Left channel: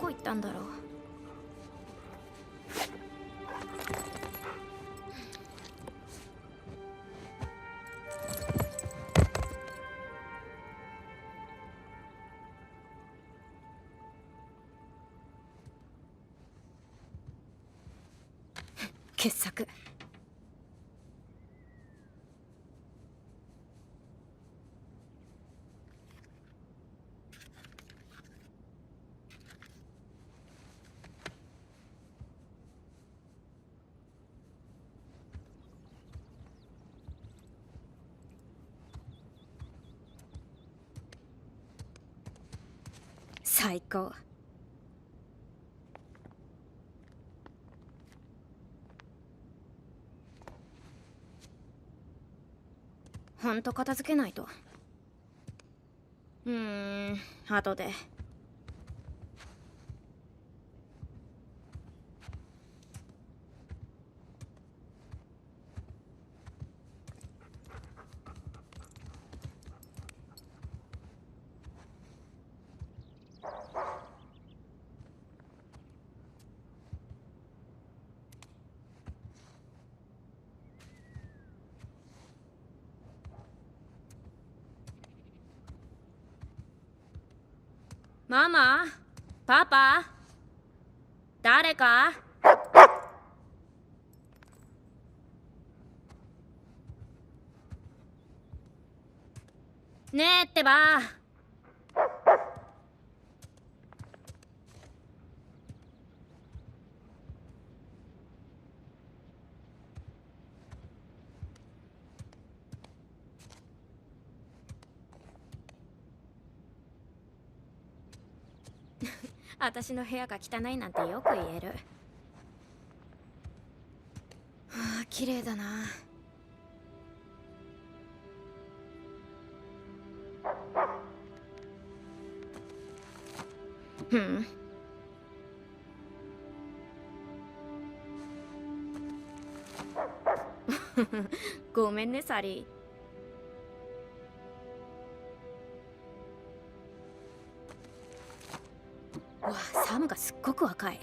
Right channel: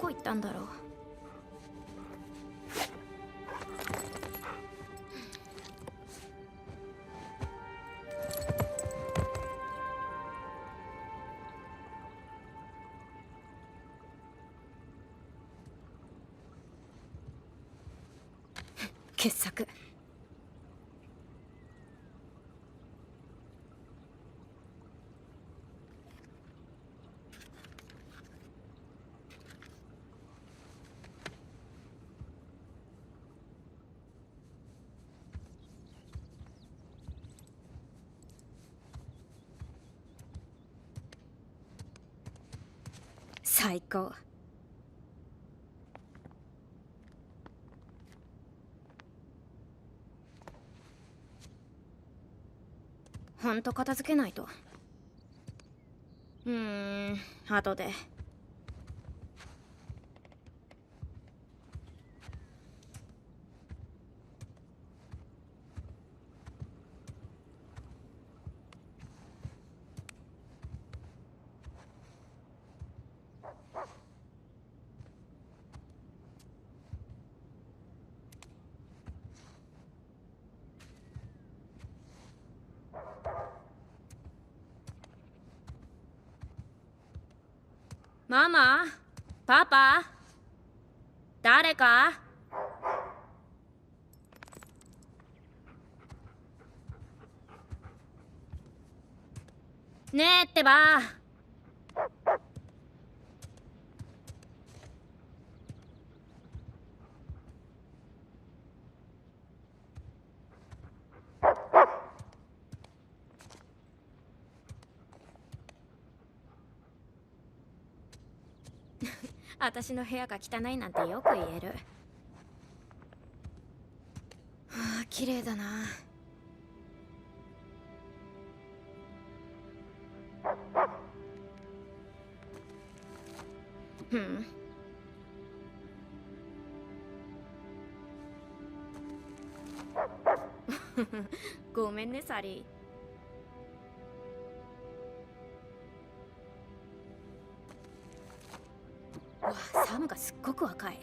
こ行ったんだろう。傑作。最高。ほんと片付けないと。後で。ママ、パパ、誰か？ねえってば。私の部屋が汚いなんてよく言える。はあ、綺麗だな。ごめんね、サリー。わあ、サムがすっごく若い。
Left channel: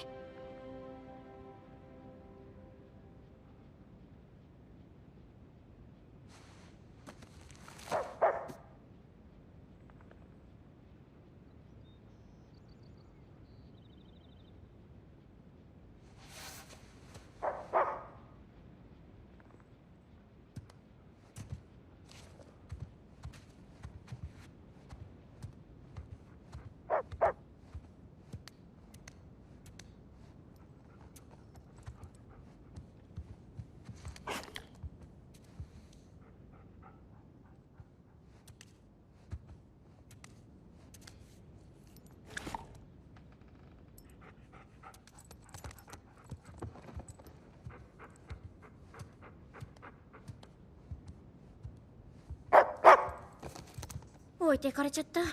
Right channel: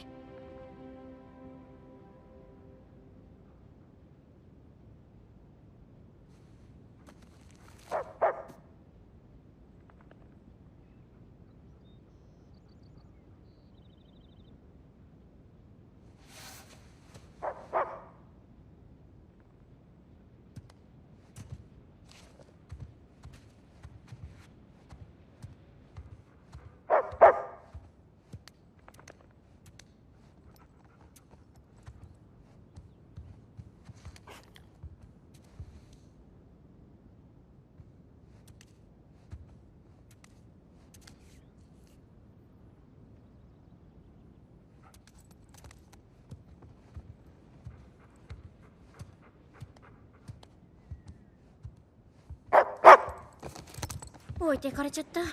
置いてかれちゃった。う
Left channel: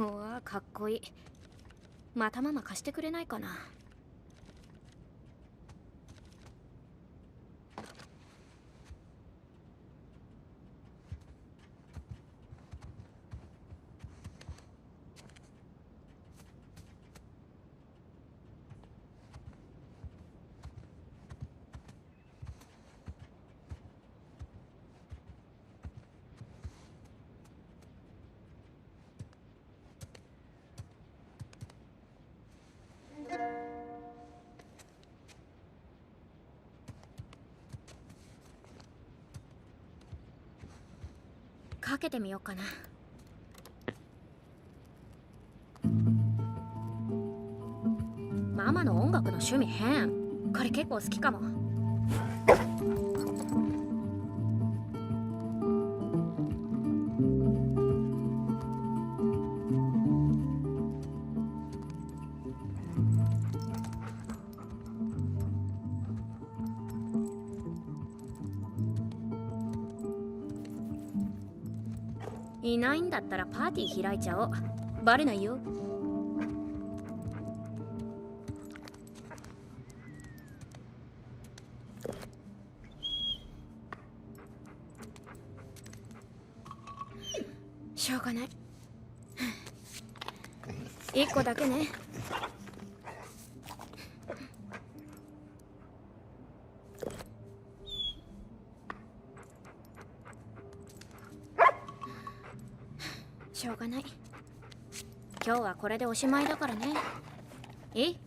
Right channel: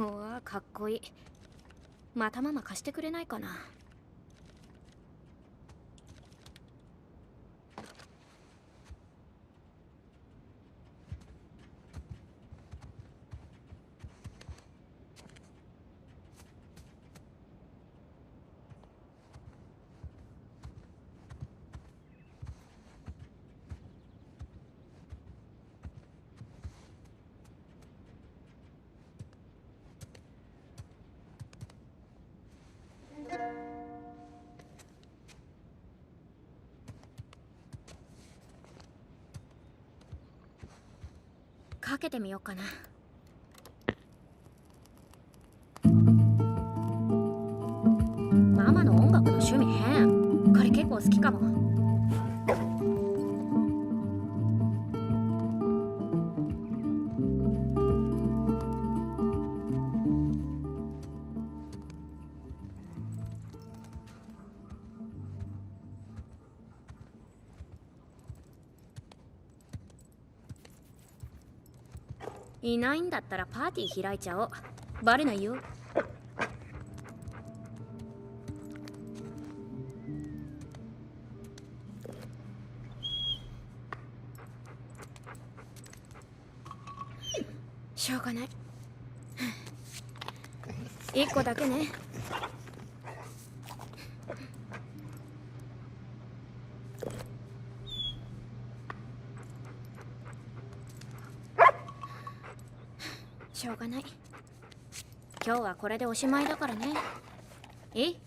わあ、かっこいい。またママ貸してくれないかな。かけてみようかな。ママの音楽の趣味変。これ結構好きかも。いないんだったらパーティー開いちゃおう。バレないよ。しょうがない。1個だけね。しょうがない。今日はこれでおしまいだからね。いい？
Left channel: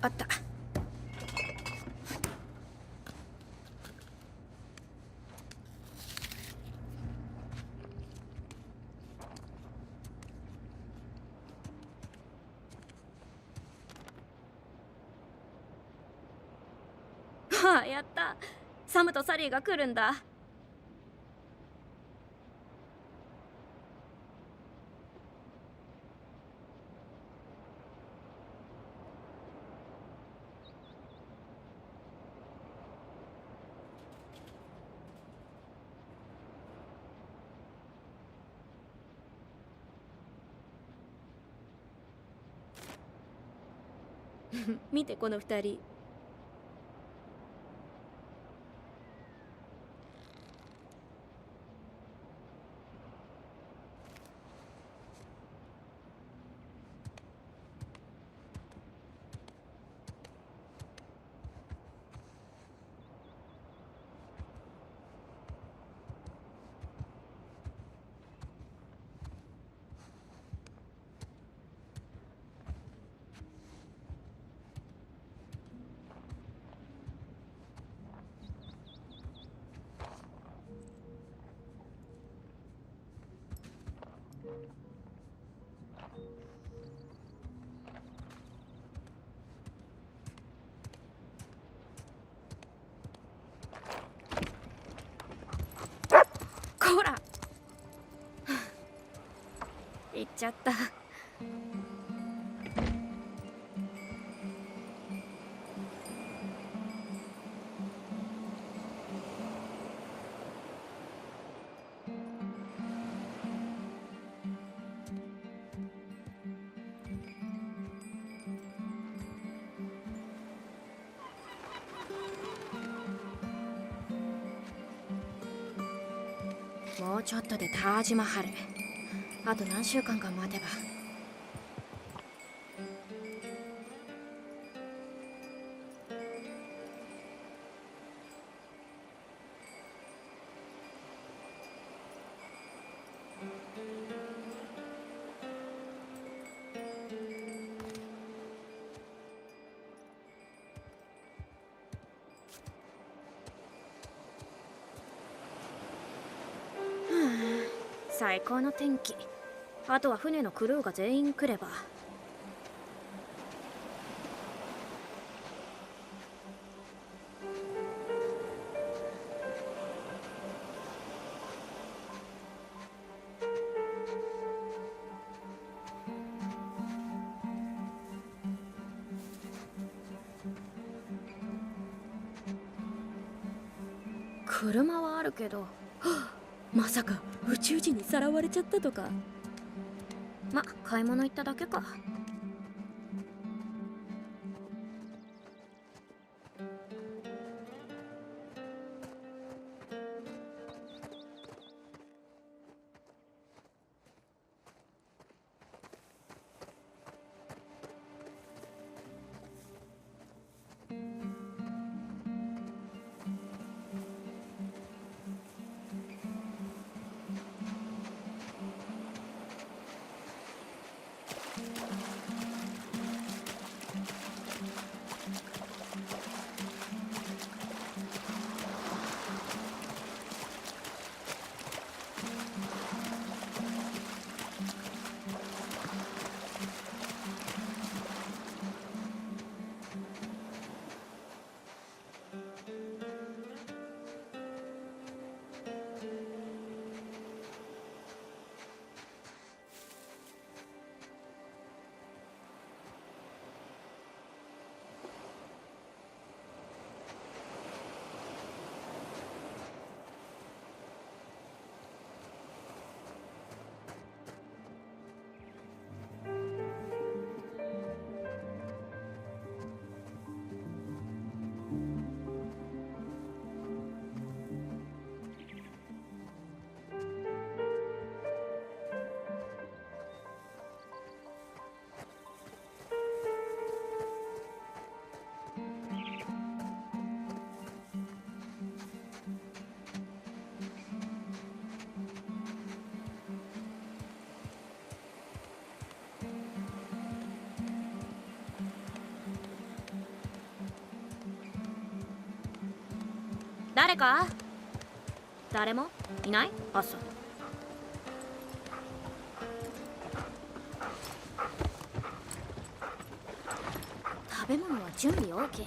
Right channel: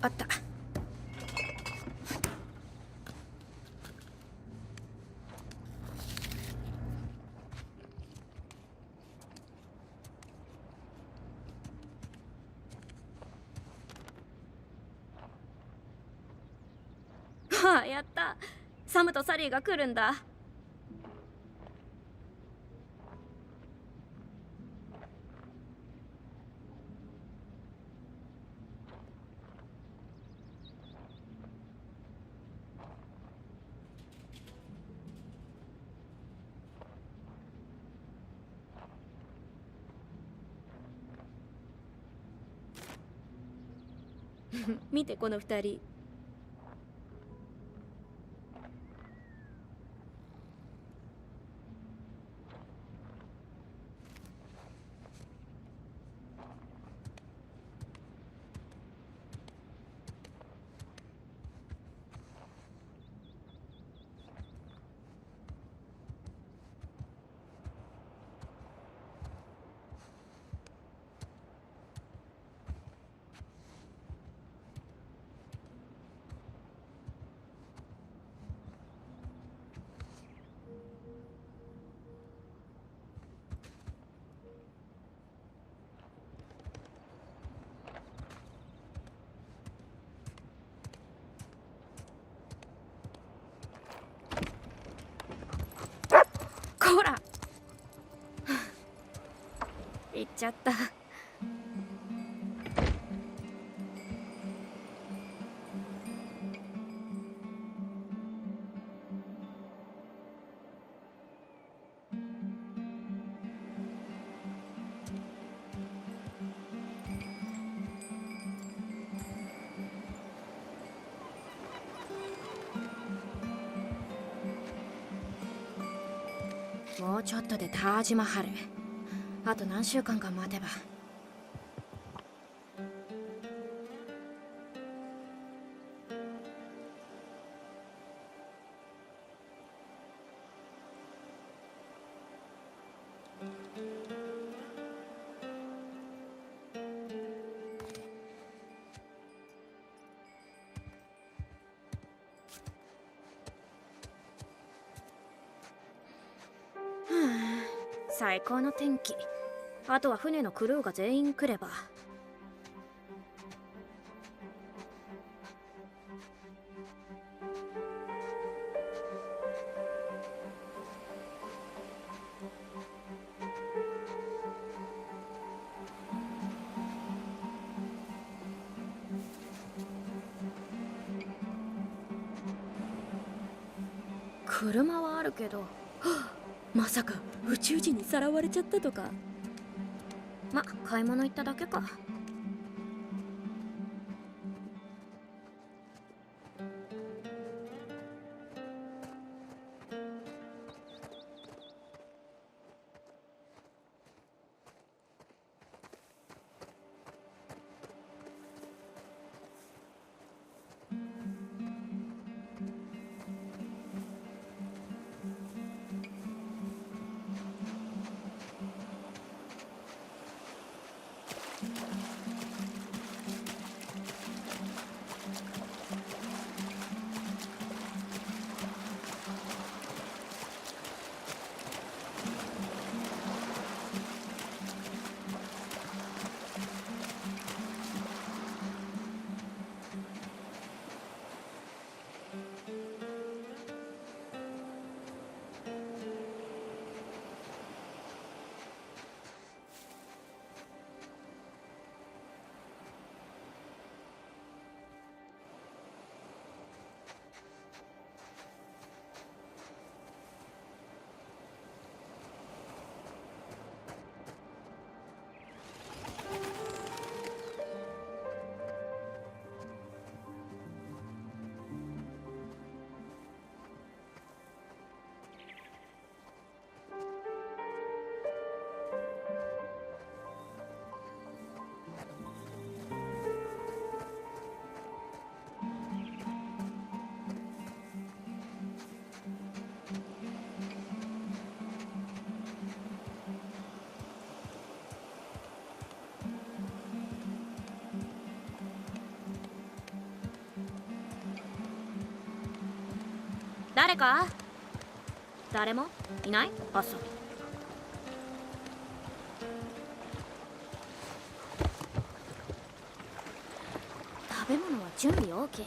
あった。はあ、やった。サムとサリーが来るんだ。見てこの二人。こら行っちゃった。もうちょっとでタージマハル。あと何週間か待てば。最高の天気。あとは船のクルーが全員来れば。車はあるけど、まさか宇宙人にさらわれちゃったとか。ま、買い物行っただけか。誰か？誰もいない？朝。食べ物は準備 OK。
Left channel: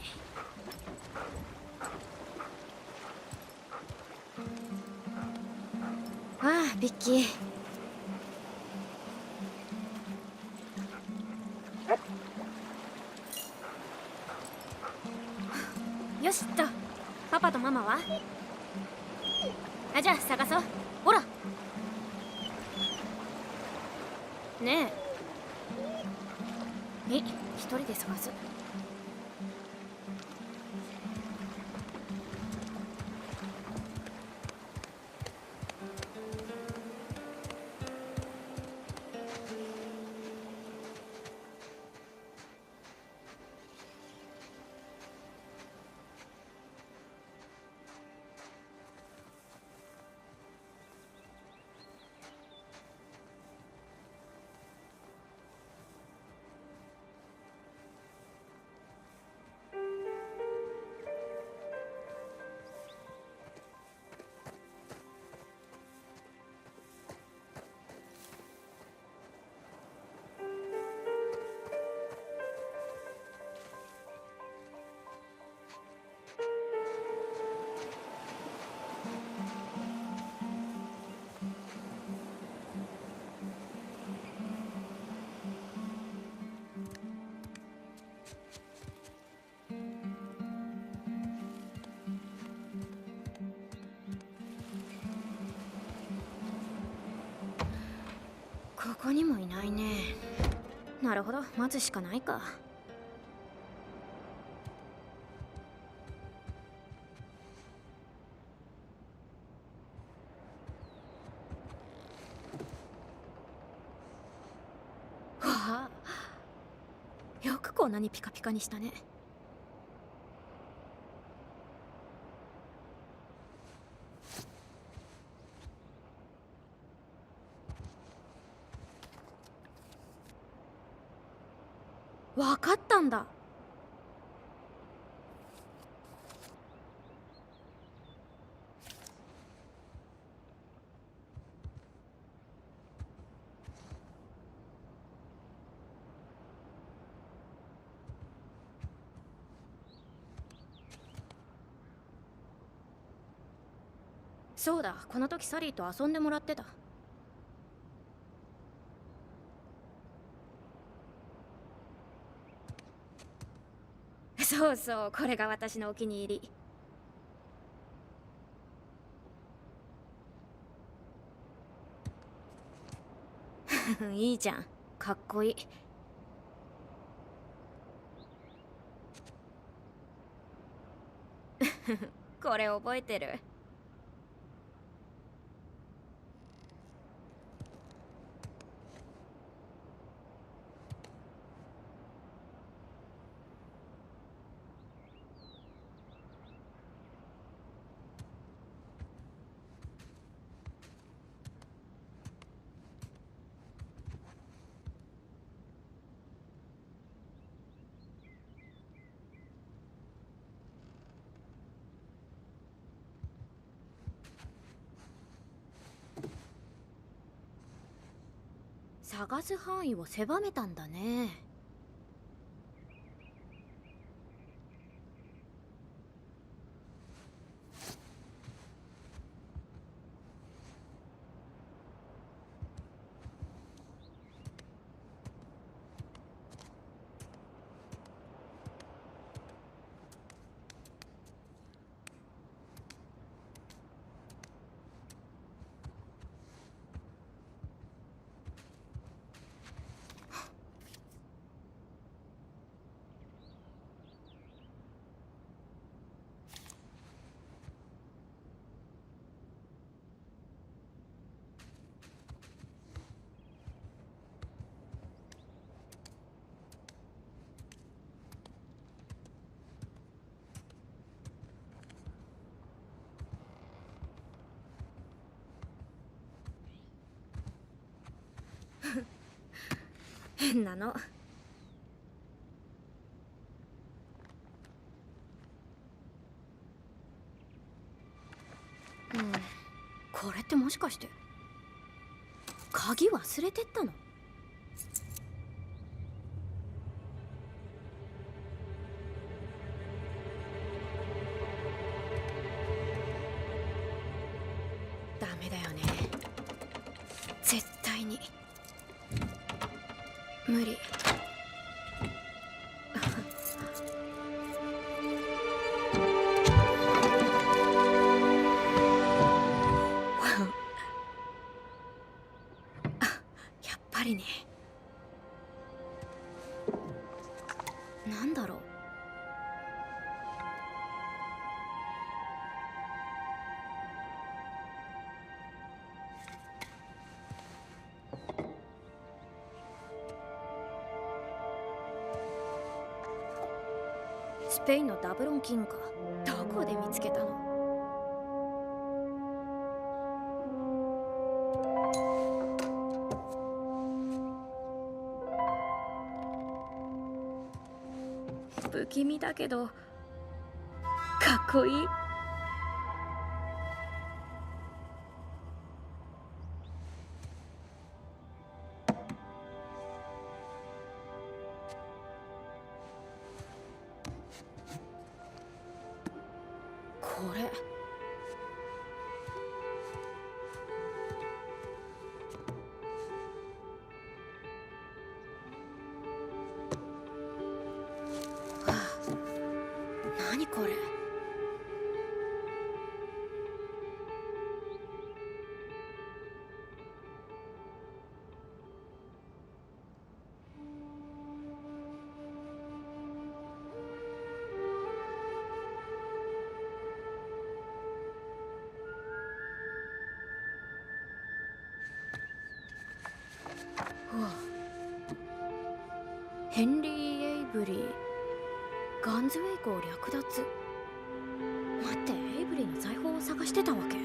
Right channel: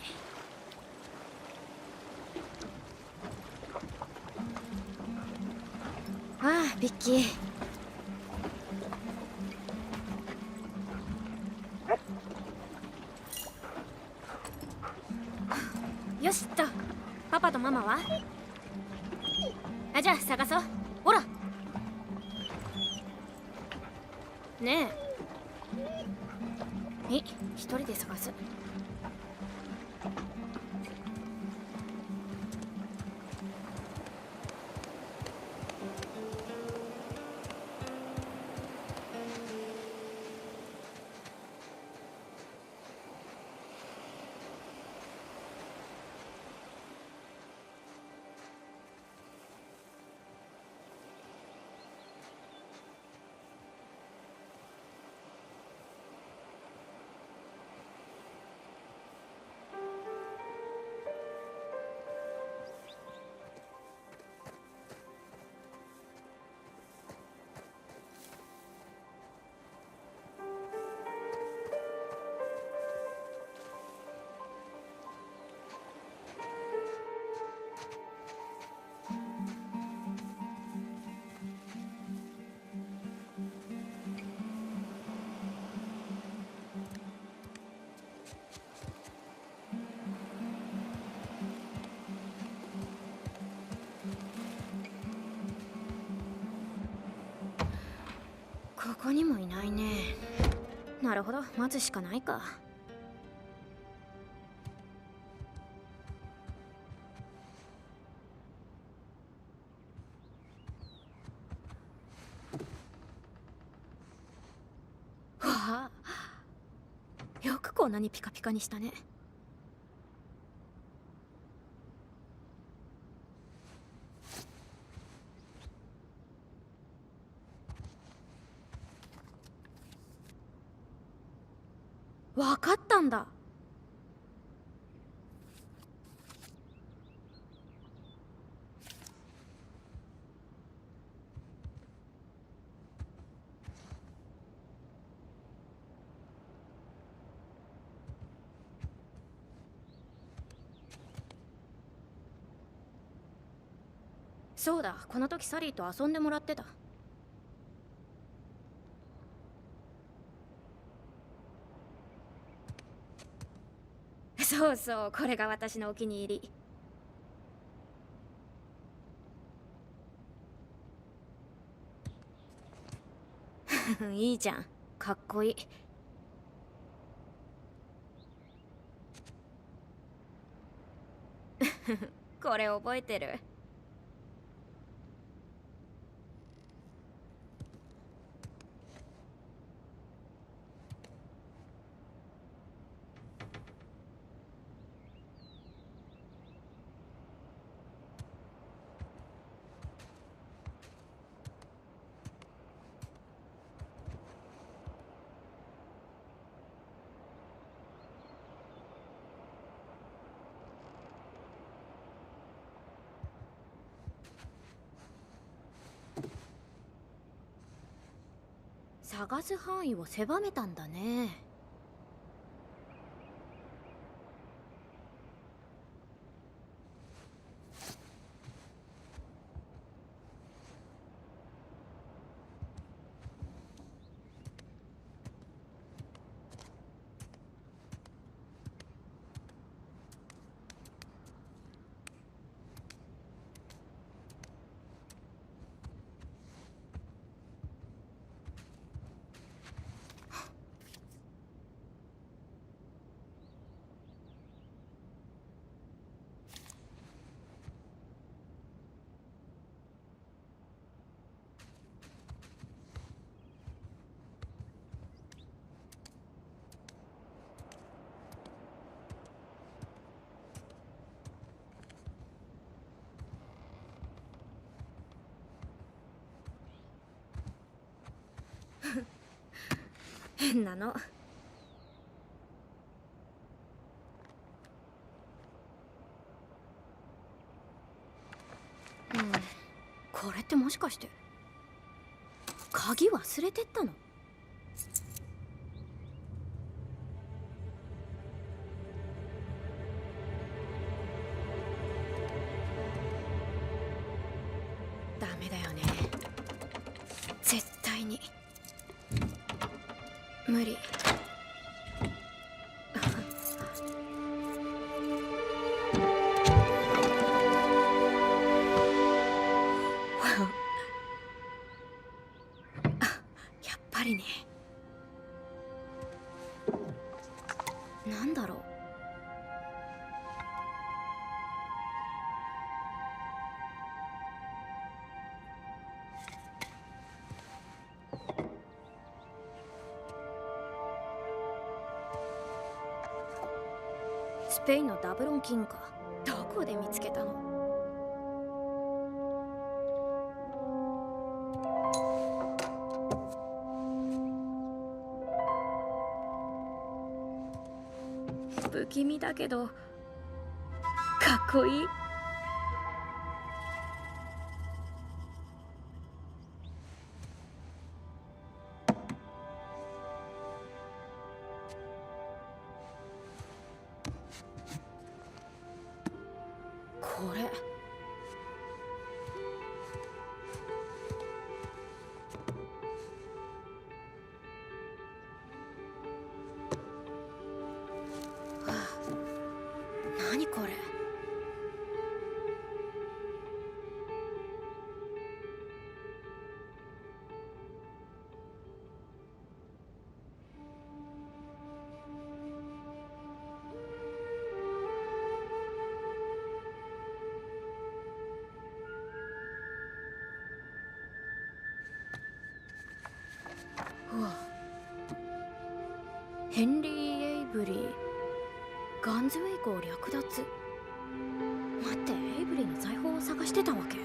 ああ、ビッキー。よしっと。パパとママは？あ、じゃあ探そう。ほらねえ。一人で探す。ここにもいないね。なるほど、待つしかないか。わあ、よくこんなにピカピカにしたね。わかったんだ。そうだ、この時サリーと遊んでもらってた。そうそう、これが私のお気に入り。いいじゃん、かっこいい。これ覚えてる。探す範囲を狭めたんだね。変なの。これってもしかして鍵忘れてったの？ダメだよね、絶対に無理。やっぱりね。なんだろう。スペインのダブロン金貨、どこで見つけたの？不気味だけどかっこいい。これ何これ？うわ、ヘンリー・エイブリー、ガンズウェイクを略奪。待って、エイブリーの財宝を探してたわけ？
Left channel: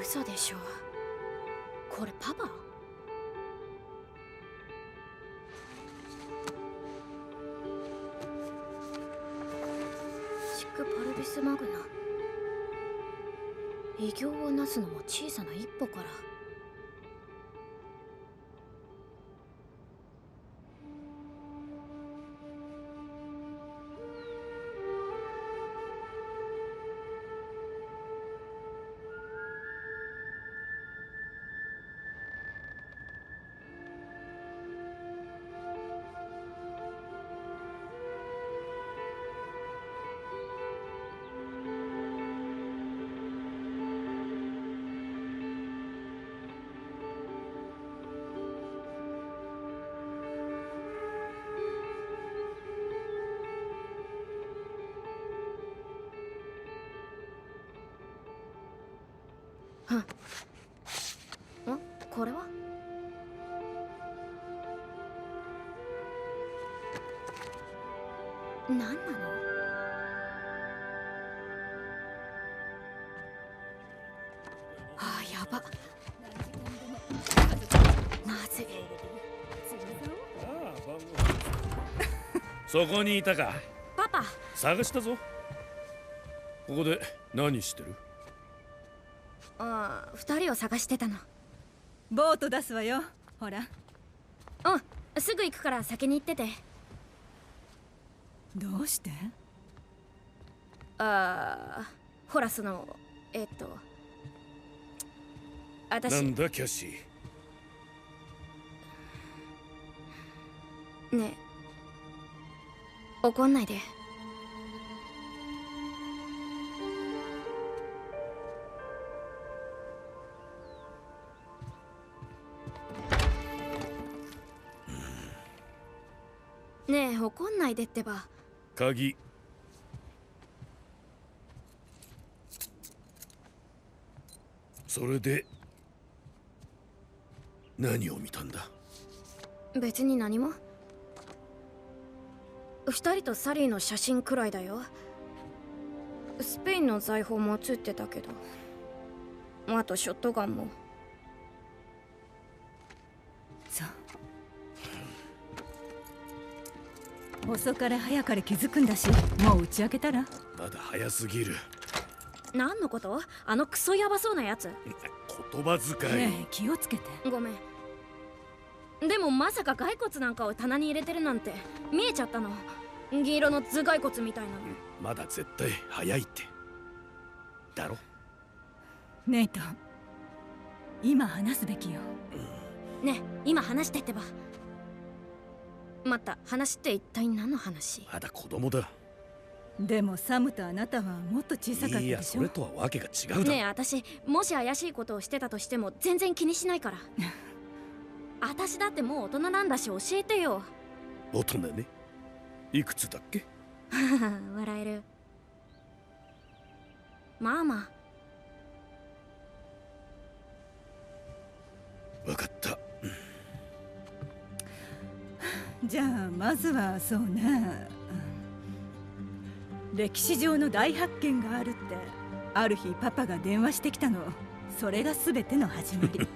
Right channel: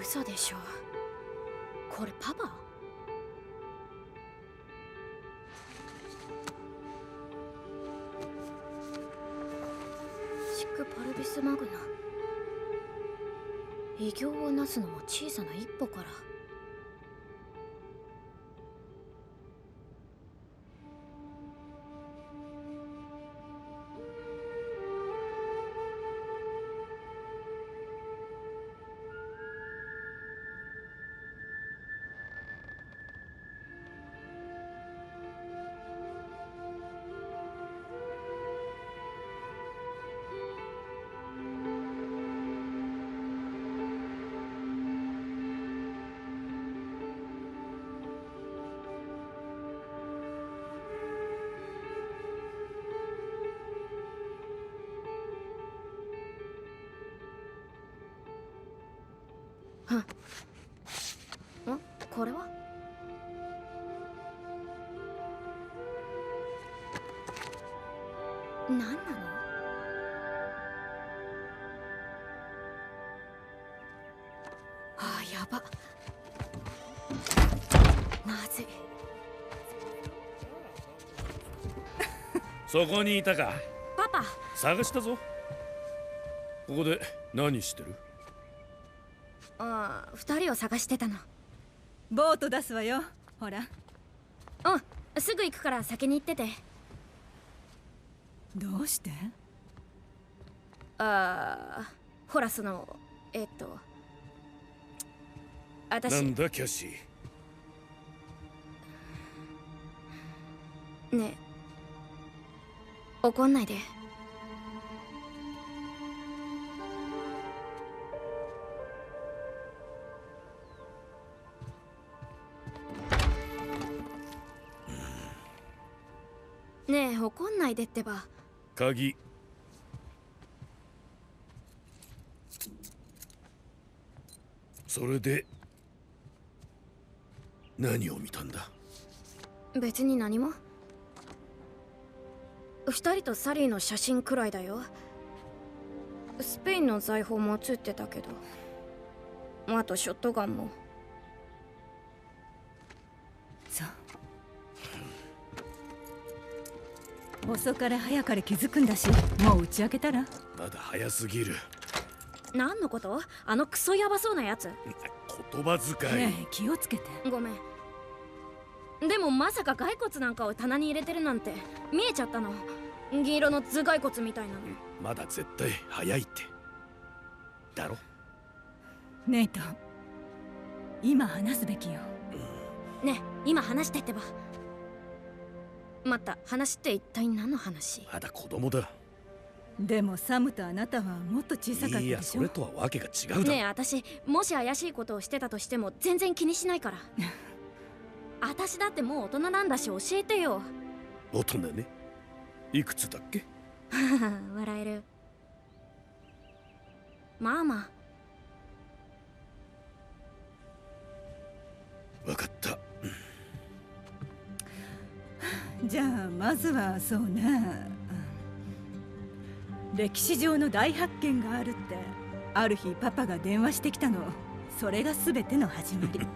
嘘でしょ。これパパ？シックパルビスマグナ。偉業をなすのも小さな一歩から。これは？何なの？そこにいたか。パパ。探したぞ。ここで何してる？ああ、2人を探してたの。ボート出すわよ。ほら。うん、すぐ行くから先に行ってて。どうして？ああ、ほら私。なんだキャシー。ねえ、怒んないで。ねえ、怒んないでってば。鍵。それで何を見たんだ？別に何も。2人とサリーの写真くらいだよ。スペインの財宝も写ってたけど、あとショットガンも。そう。遅かれ早かれ気づくんだし、もう打ち明けたら？まだ早すぎる。何のこと？あのクソヤバそうなやつ。言葉遣い。ねえ、気をつけて。ごめん。でもまさか骸骨なんかを棚に入れてるなんて見えちゃったの。銀色の頭蓋骨みたいなの。まだ絶対早いってだろ。ネイト、今話すべきよ。ねえ、今話してってば。待った、話って一体何の話？まだ子供だ。でもサムとあなたはもっと小さかったでしょ。いや、それとはわけが違うだろ。ねえ、私もし怪しいことをしてたとしても全然気にしないから。私だってもう大人なんだし、教えてよ。大人ね。いくつだっけ？笑える。まあまあ。わかった。じゃあまずはそうね、歴史上の大発見があるってある日パパが電話してきたの。それが全ての始まり。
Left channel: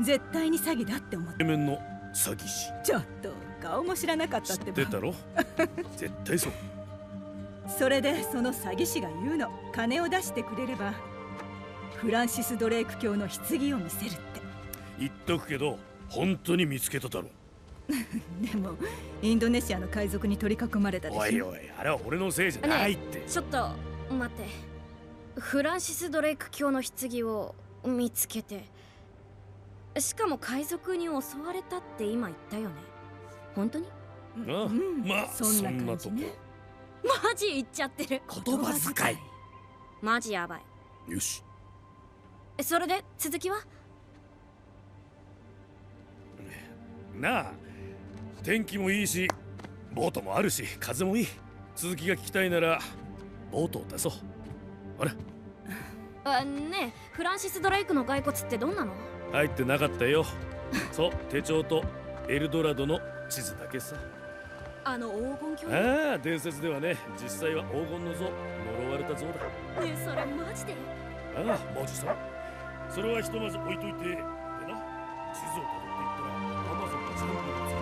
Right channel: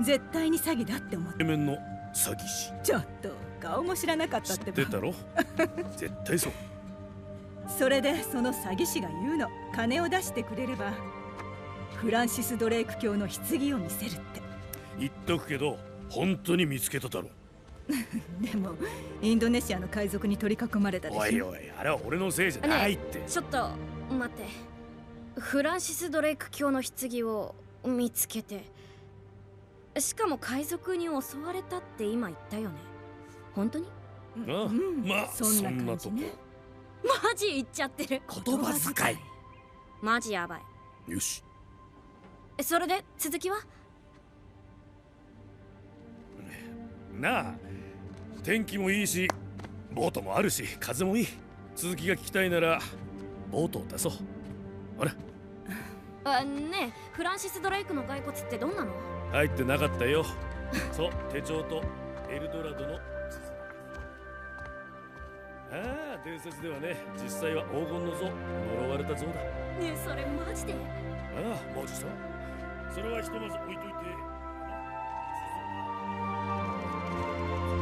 絶対に詐欺だって思って。イケメンの詐欺師。ちょっと顔も知らなかったってば。知ってたろ。絶対そう。それでその詐欺師が言うの。金を出してくれればフランシス・ドレイク卿の棺を見せるって。言っとくけど本当に見つけただろ。でもインドネシアの海賊に取り囲まれたでしょ。おいおい、あれは俺のせいじゃないって。ねえ、ちょっと待って。フランシス・ドレイク卿の棺を見つけて、しかも海賊に襲われたって今言ったよね。本当に？ああ、まあそんな感じね。マジ言っちゃってる。言葉遣い。マジやばい。よし。それで続きは？なあ、天気もいいしボートもあるし風もいい。続きが聞きたいならボートを出そう。ほら。ねえ、フランシス・ドレイクの骸骨ってどんなの？入ってなかったよ。そう、手帳とエルドラドの地図だけさ。あの黄金鏡。ああ、伝説ではね、実際は黄金の像、呪われた像だ。ねえ、それマジで？ああ、マジさ。それはひとまず置いといて。でな、地図をたどっていったらアマゾンの地図が見つかる。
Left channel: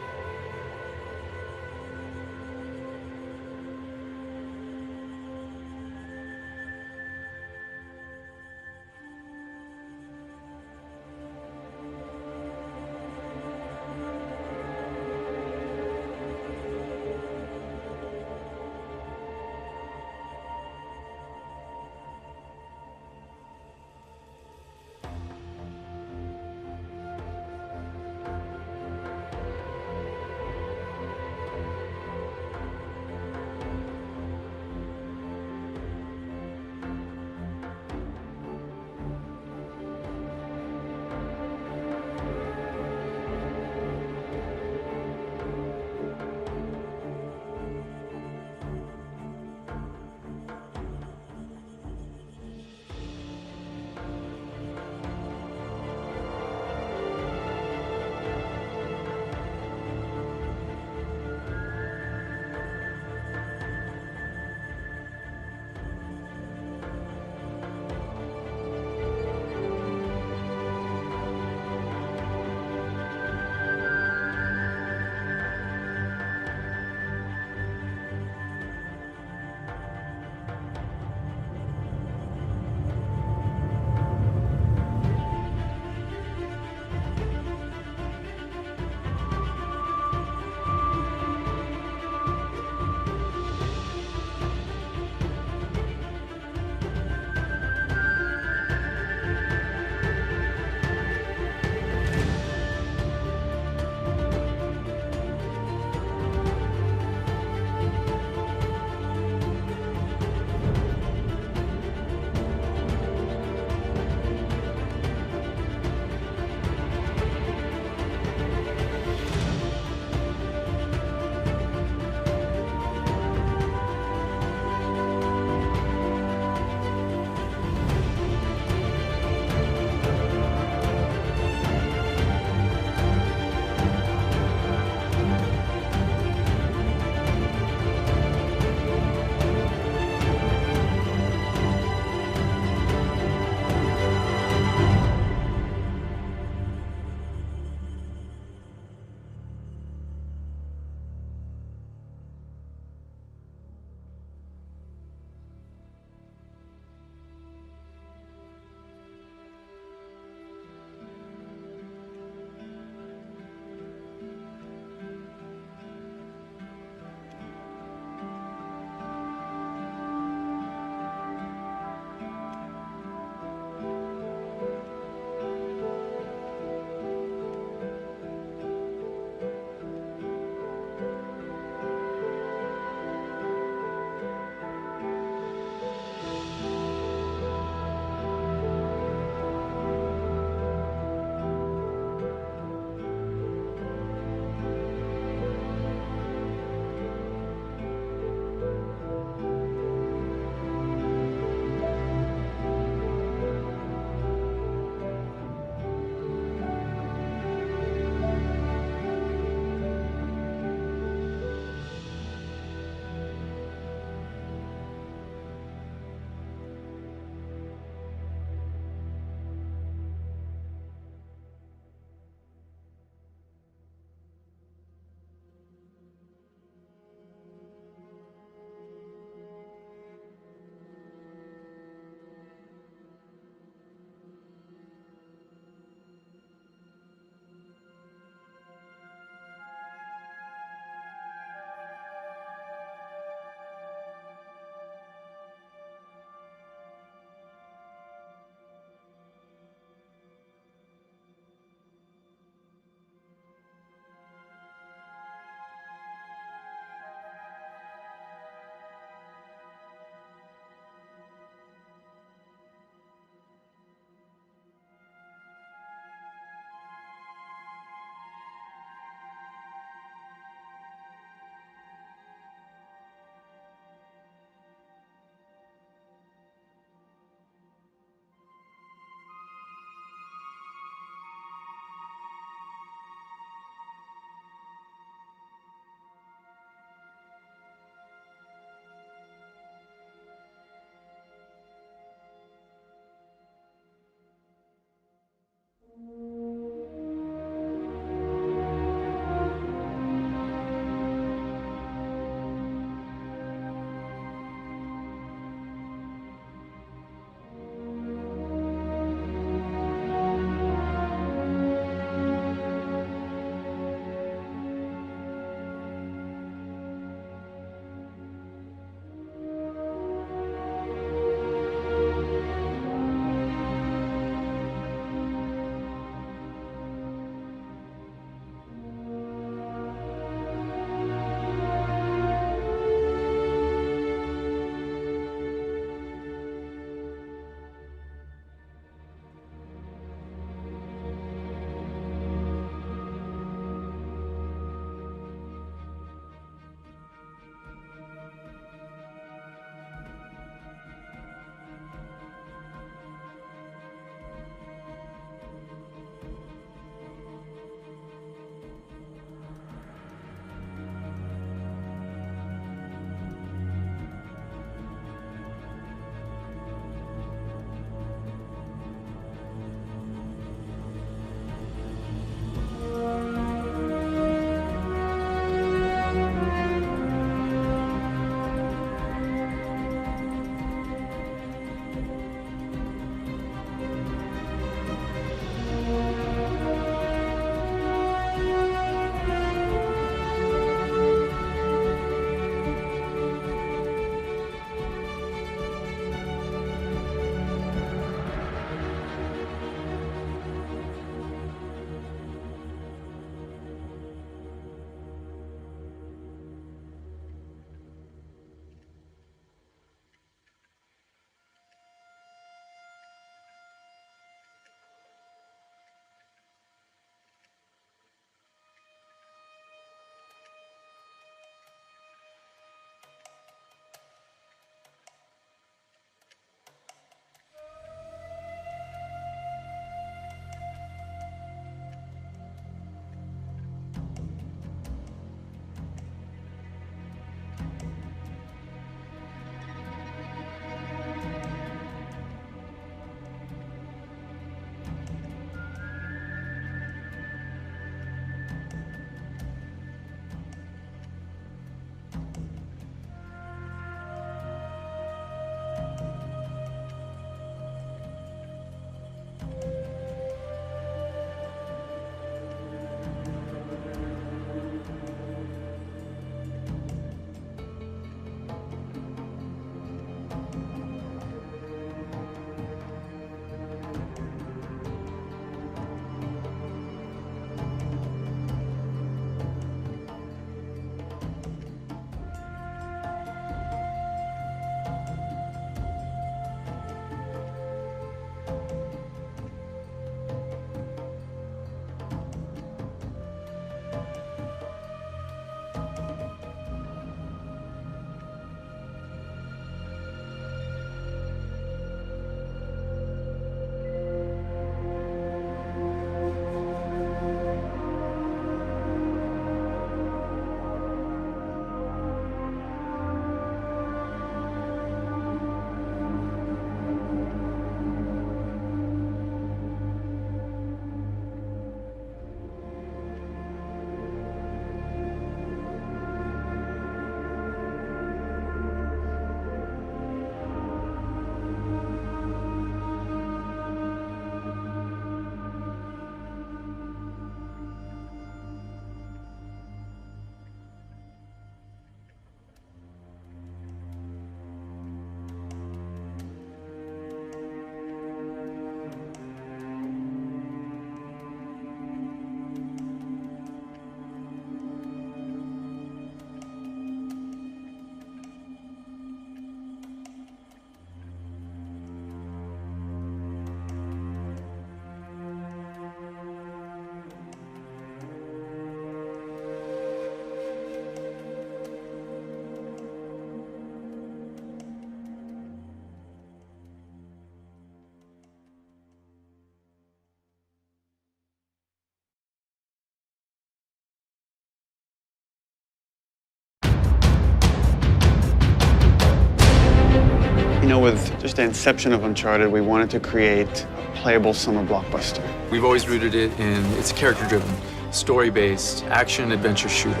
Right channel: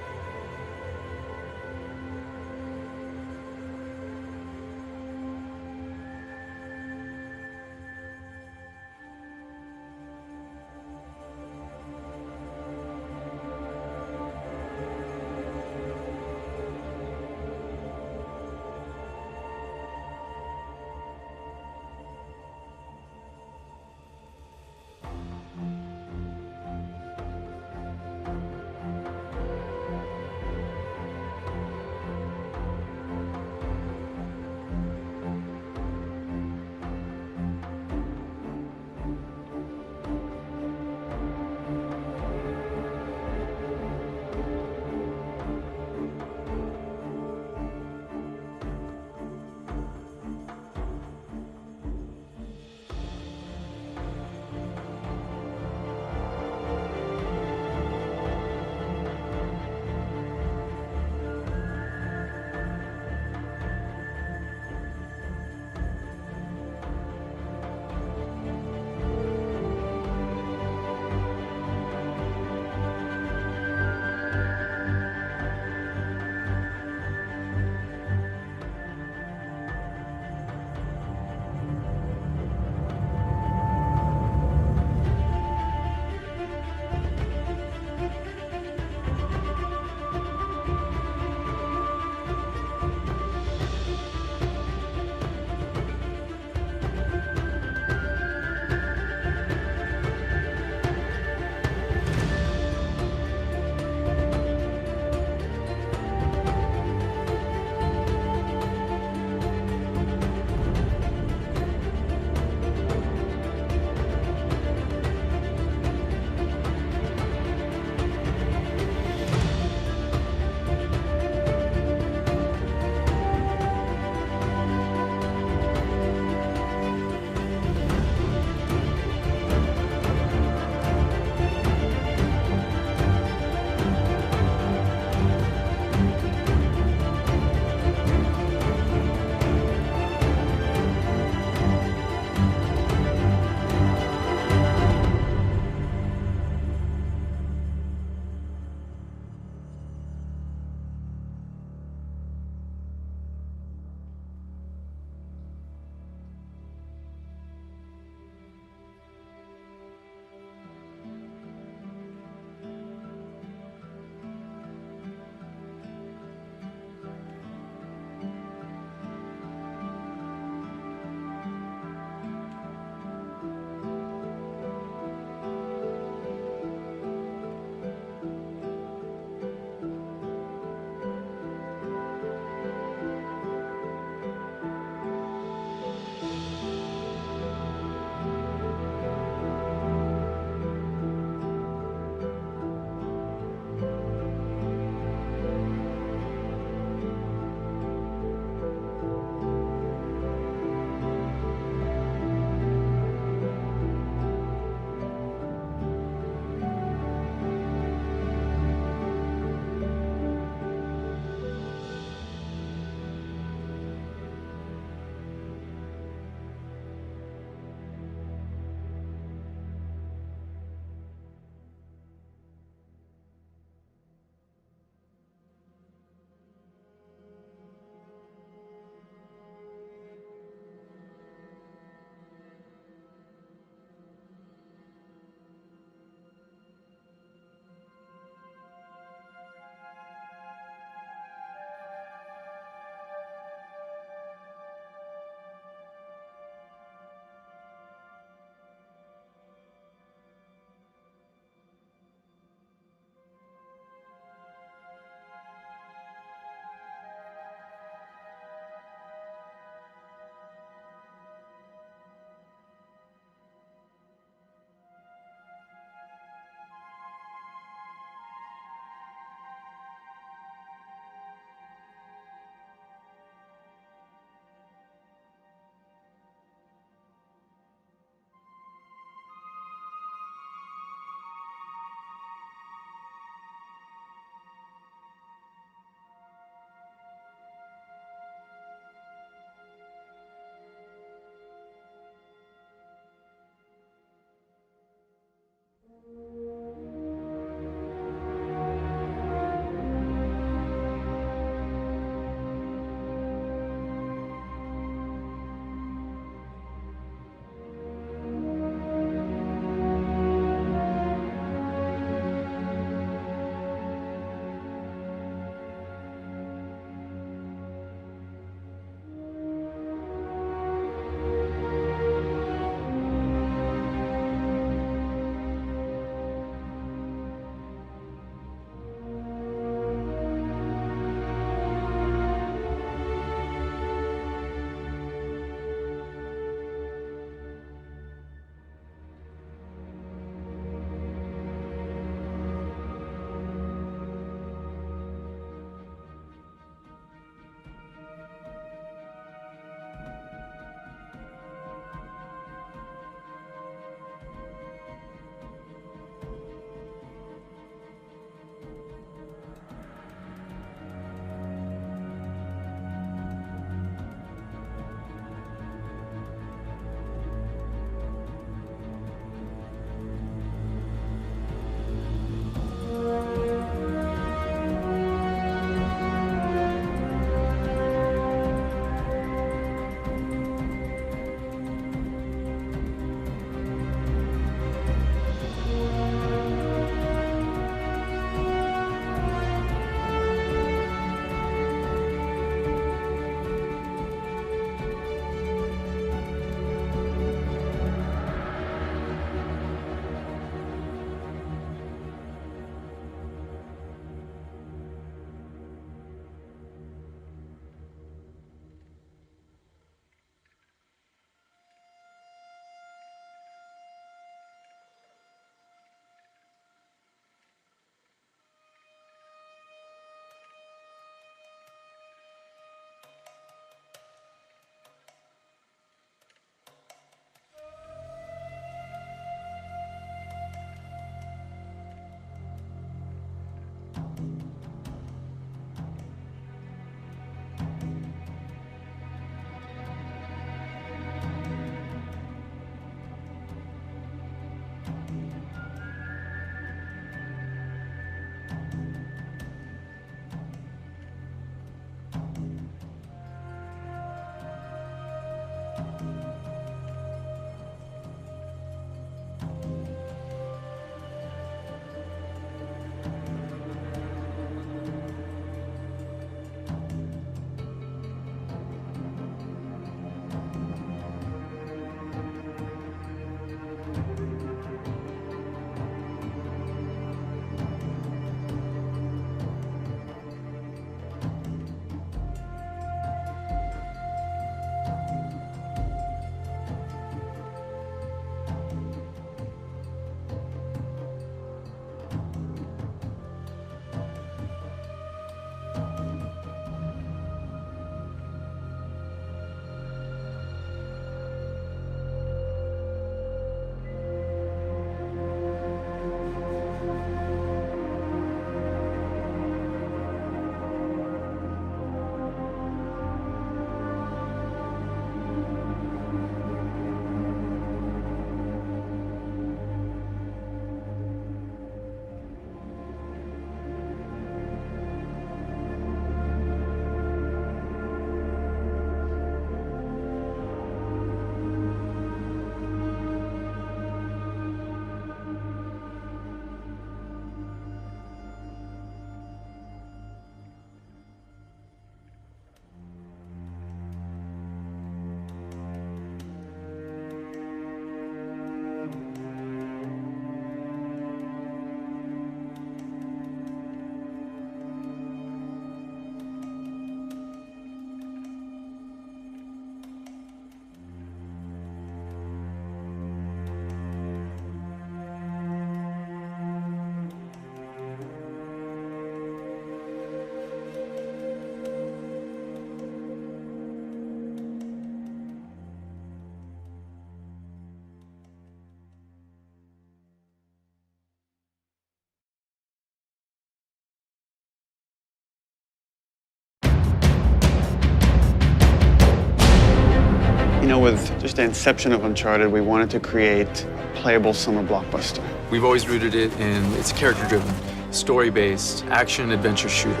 know, with just the inception of Uncharted, we wanted to create a playable summer blockbuster. We've always rooted it in it's character-driven, story-based, action-adventure shooter.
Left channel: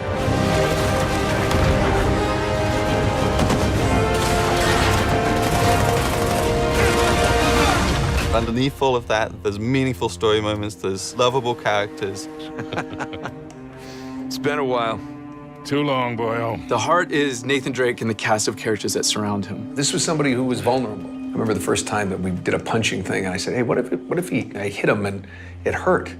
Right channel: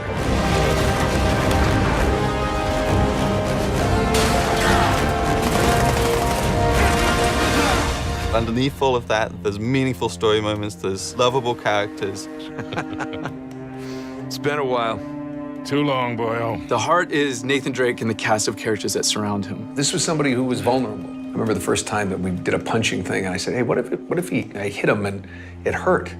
Underneath all of that, there's meaningful story moments, there's lovable characters. It's been a while. Too long, boyo. The heart is Nathan Drake and the cast of characters that surround him. This was somebody who was vulnerable. I remember the first time that we did a punching thing, and I said, hey, what if I hit him and it hurt?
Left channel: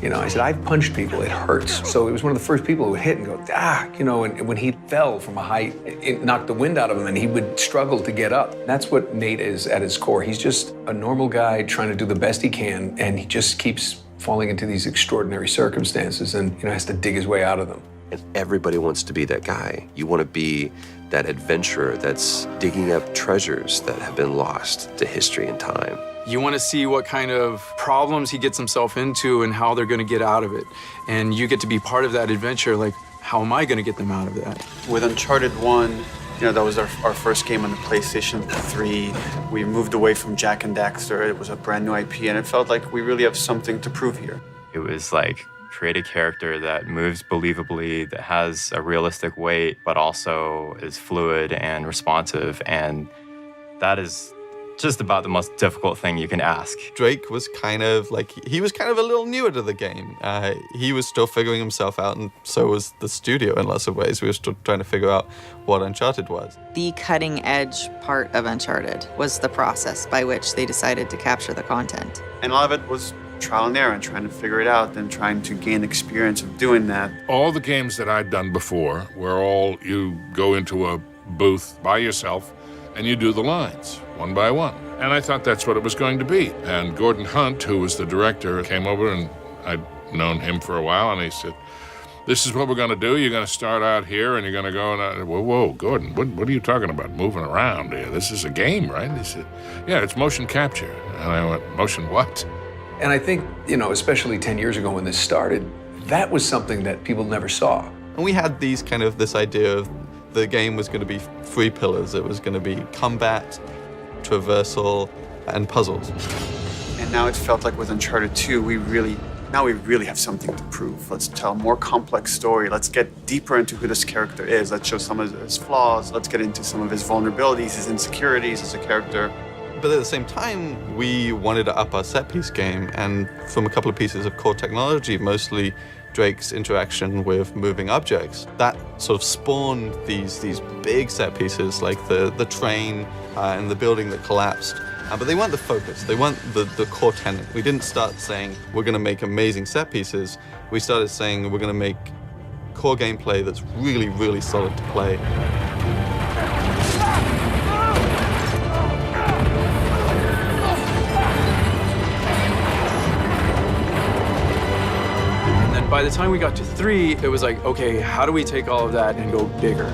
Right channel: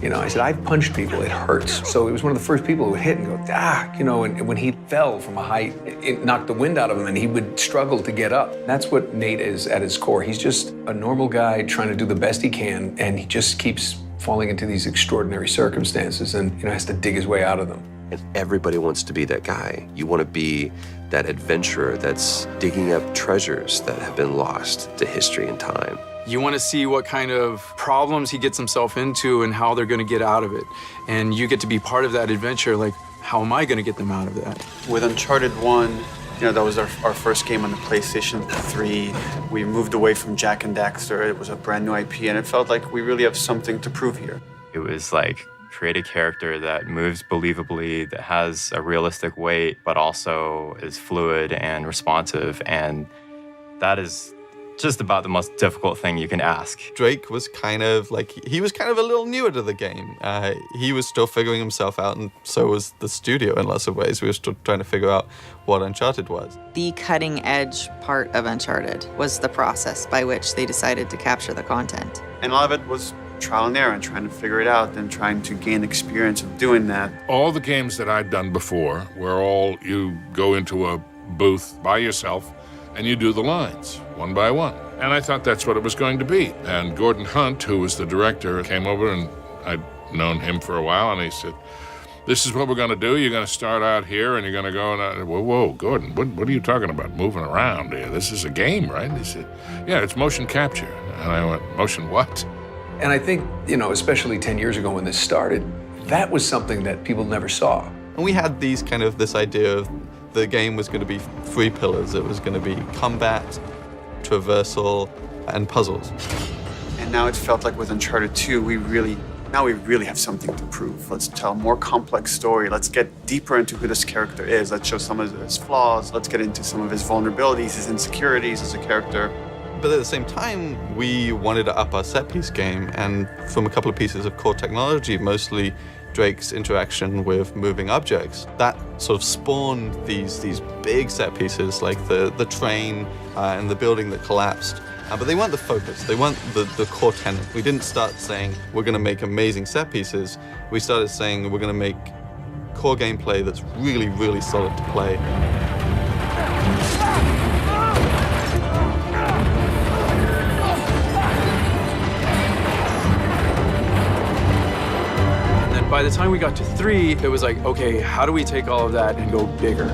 You know, I said, I've punched people, it hurts. So he was one of the first people who would hit and go, ah, you know, and when he fell from a height, it knocked the wind out of him and he would struggle to get up. That's what Nate is at his core. He's just a normal guy trying to do the best he can, and he just keeps falling into these extraordinary circumstances and, you know, has to dig his way out of them. And everybody wants to be that guy. You want to be that adventurer that's digging up treasures that have been lost to history and time. You want to see what kind of problems he gets himself into and how they're going to get out of it. And you get to be part of that adventure, like, how am I going to get them out of that? With Uncharted 1, you know, that was our first game on the PlayStation 3. We moved away from Jack and Daxter. It was a brand new IP, and it felt like we really have something to prove here. It was like, create a character that moves believably, that has a realistic weight, but also is fluid and responsive. And that is just about the most difficult thing you can ask. Drake was kind of like, he was kind of a little newer to the game. He was still figuring himself out, and so was the studio in lots of ways. We were still trying to figure out what Uncharted was. The cutting edge part of Uncharted was the process by which they decided to capture the content. And a lot of it was trial and error and trying to figure it out and trying to gain experience of doing that. All the games that I'd done before were all you go into a booth by yourself and you do the lines one by one. And I thought that's what it was going to be. And Gordon Hunt, who was the director, came over, and I'd known him for a while, and he said, this is what we're going to do. You're going to start out here, and you're going to go, and whoa, Gordon, what are you talking about, moving around here? This is a game, right? And he said, yeah, it's motion capture. And I went, motion what? And I think, you know, especially 10 years ago when this started, that was something that people never saw. And we had this idea of the game was going to be 3 pillars. It was going to be combat, traversal, and puzzles. And now it felt like with Uncharted 2, we really have something to prove. Let's tell a more complex story. Let's get deeper into who this character is. Let's show some of his flaws. Let's get into some of his vulnerabilities, his insecurities as a character. But at the same time, we wanted to up our set-piece game, and from a couple of pieces of core technology, mostly Drake's interaction with moving objects, that sort of spawned these big set pieces like the train and the building that collapsed. But they weren't the focus. They weren't the core tenet. We didn't start saying we're going to make amazing set pieces. We started saying we're going to make core gameplay that's really, really solid to play. By the time we got to 3, it was like, okay, how do we take all of that and go bigger?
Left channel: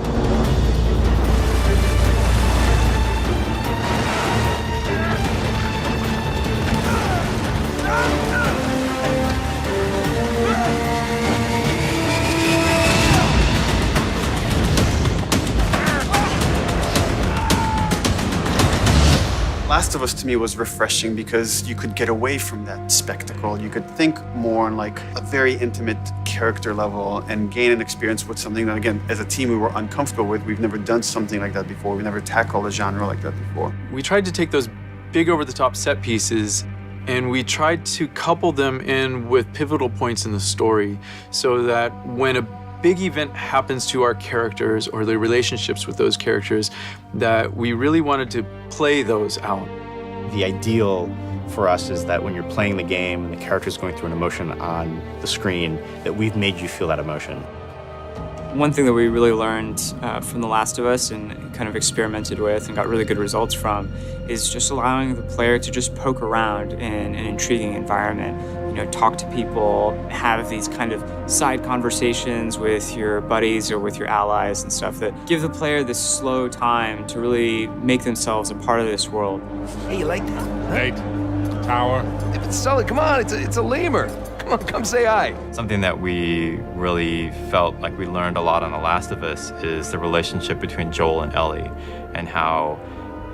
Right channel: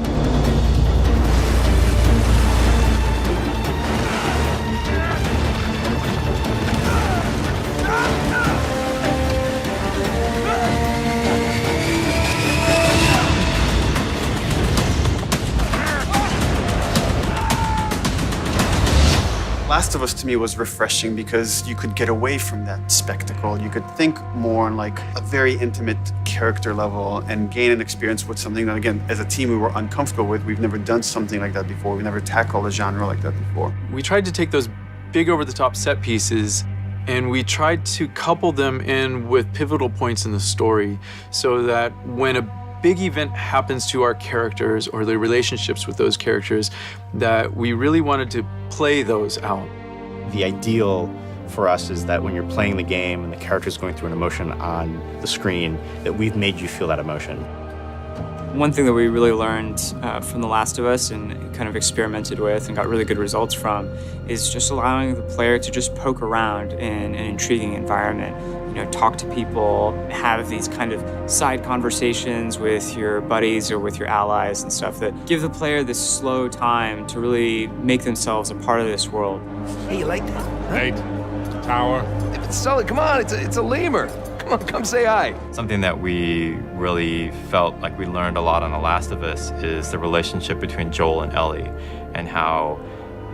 Last of Us to me was refreshing because you could get away from that spectacle. You could think more on like a very intimate character level and gain an experience with something that, again, as a team we were uncomfortable with. We've never done something like that before. We've never tackled a genre like that before. We tried to take those big over-the-top set pieces and we tried to couple them in with pivotal points in the story so that when a big event happens to our characters or the relationships with those characters, that we really wanted to play those out. The ideal for us is that when you're playing the game and the character's going through an emotion on the screen, that we've made you feel that emotion. One thing that we really learned from The Last of Us and kind of experimented with and got really good results from is just allowing the player to just poke around in an intriguing environment. You know, talk to people, have these kind of side conversations with your buddies or with your allies and stuff that give the player this slow time to really make themselves a part of this world. Hey, you like that? Huh? Nate, tower. If it's solid, come on, it's a lemur. Come on, come say hi. Something that we really felt like we learned a lot on The Last of Us is the relationship between Joel and Ellie, and how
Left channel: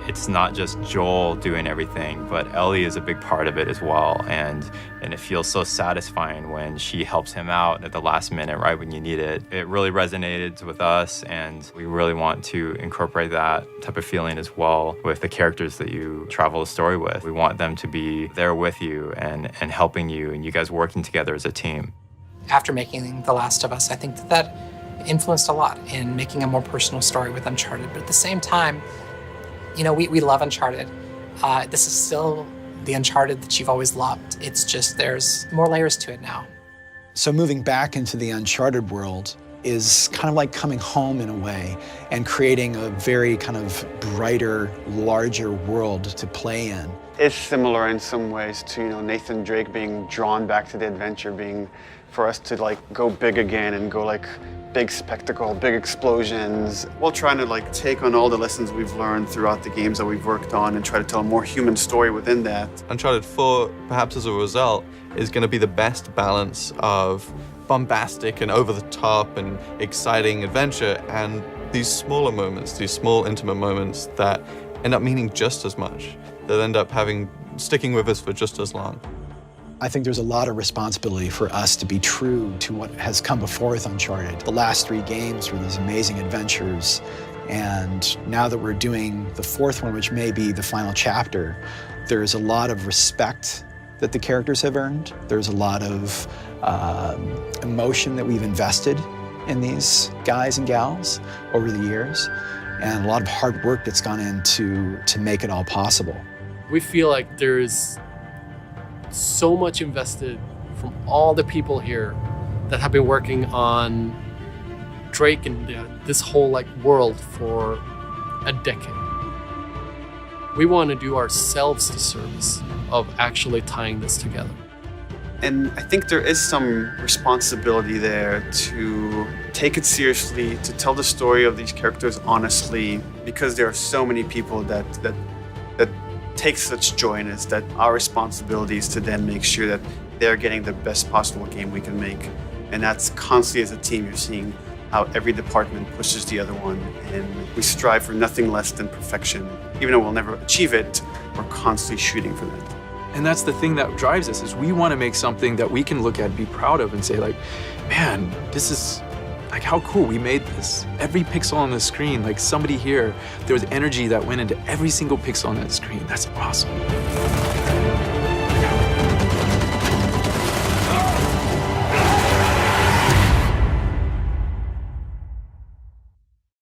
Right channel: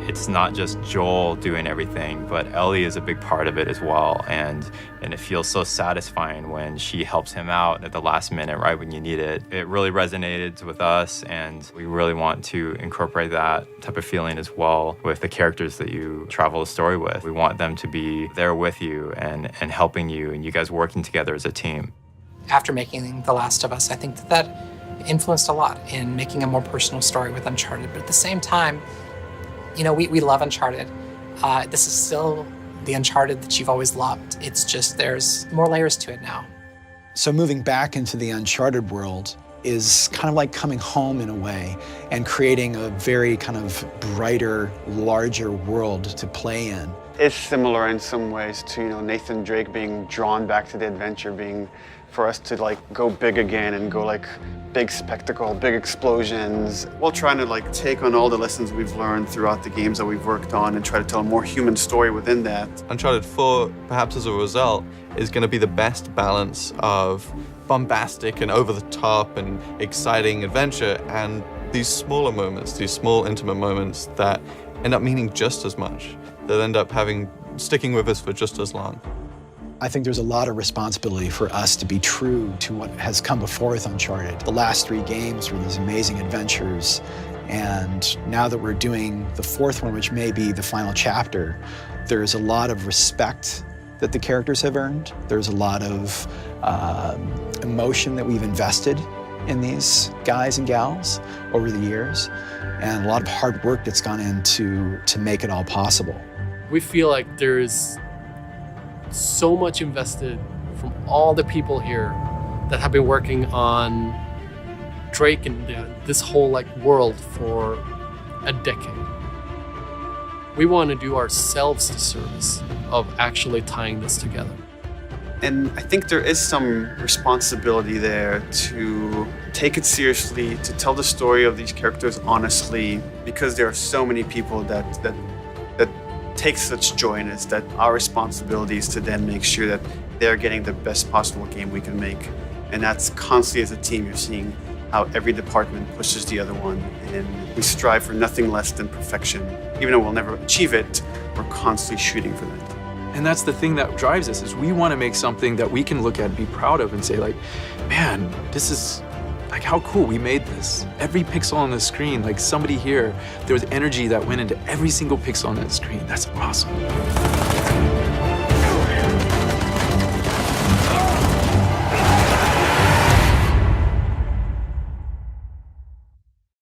it's not just Joel doing everything, but Ellie is a big part of it as well. And it feels so satisfying when she helps him out at the last minute, right when you need it. It really resonated with us, and we really want to incorporate that type of feeling as well with the characters that you travel the story with. We want them to be there with you and helping you, and you guys working together as a team. After making The Last of Us, I think that influenced a lot in making a more personal story with Uncharted. But at the same time, you know, we love Uncharted. This is still the Uncharted that you've always loved. It's just there's more layers to it now. So moving back into the Uncharted world is kind of like coming home in a way and creating a very kind of brighter, larger world to play in. It's similar in some ways to, you know, Nathan Drake being drawn back to the adventure, being for us to like go big again and go like big spectacle, big explosions, while trying to like take on all the lessons we've learned throughout the games that we've worked on and try to tell a more human story within that. Uncharted 4, perhaps as a result, is going to be the best balance of bombastic and over-the-top and exciting adventure and these smaller moments, these small intimate moments that end up meaning just as much, that end up sticking with us for just as long. I think there's a lot of responsibility for us to be true to what has come before with Uncharted. The last 3 games were these amazing adventures, and now that we're doing the 4th one, which may be the final chapter, there's a lot of respect that the characters have earned. There's a lot of emotion that we've invested in these guys and gals over the years, and a lot of hard work that's gone into to make it all possible. We feel like there's so much invested from all the people here that have been working on Drake and this whole like world for a decade. We want to do ourselves the service of actually tying this together. And I think there is some responsibility there to take it seriously, to tell the story of these characters honestly, because there are so many people that take such joy in it, that our responsibility is to then make sure that they're getting the best possible game we can make. And that's constantly as a team, you're seeing how every department pushes the other one, and we strive for nothing less than perfection. Even though we'll never achieve it, we're constantly shooting for that. And that's the thing that drives us, is we want to make something that we can look at and be proud of and say like, man, this is like how cool we made this. Every pixel on the screen, like somebody here, there was energy that went into every single pixel on that screen. That's awesome.